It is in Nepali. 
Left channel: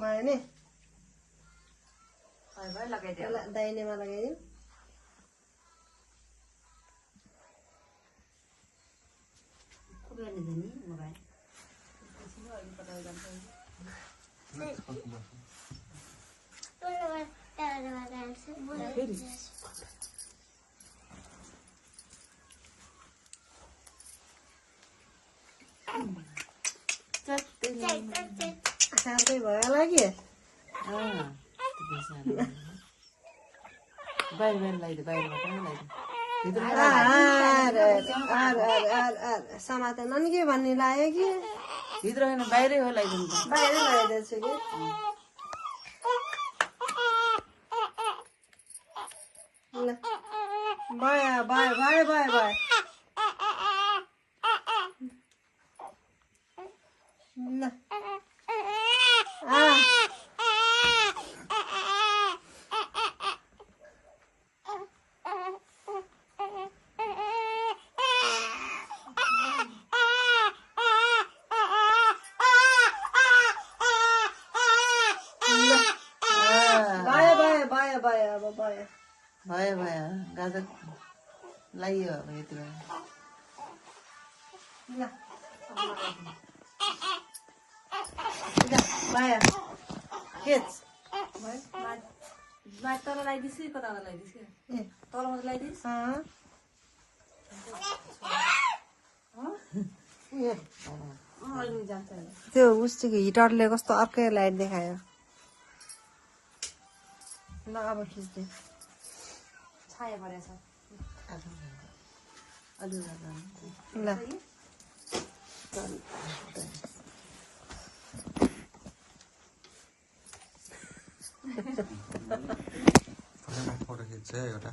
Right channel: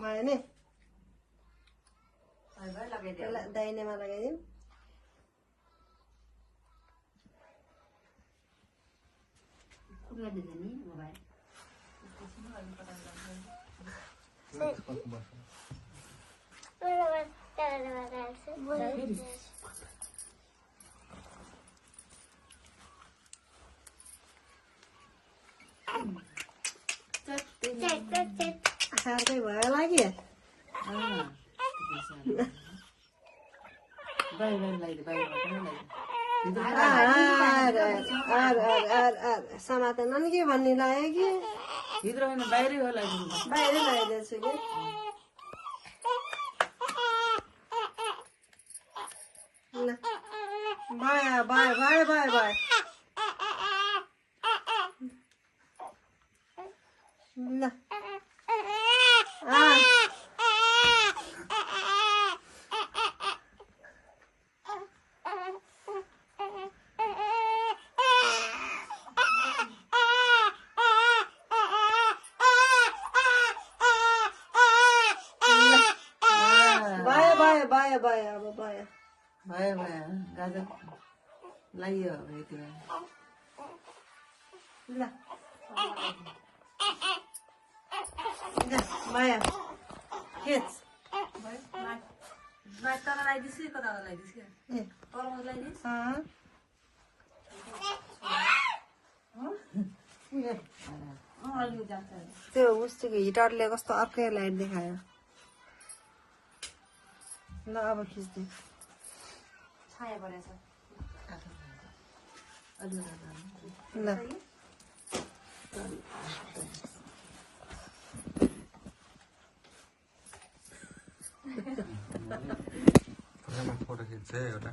भयो नि दाहिनेमा लगाइदियो सार्दै भयो होला कि समातेन नि के भन्ने लाग्यो कि बाहिरै हो बाहिरै लगाइदिन्छु कि ल भयो भयो भयो भयो भयो ल भयो अब भयो भयो भयो गाजर लगाइयो अब यति बेला ल भयो खिच तल लगाइदिस् कि कता लगाइदिस् कि ए तल लगाइदिस् त्यो उस्तीको हिटरले कस्तो अर्कै लाइट देखायो ल अब खिच्दै छाया परेछ ल फोटो खिच्छ एउटा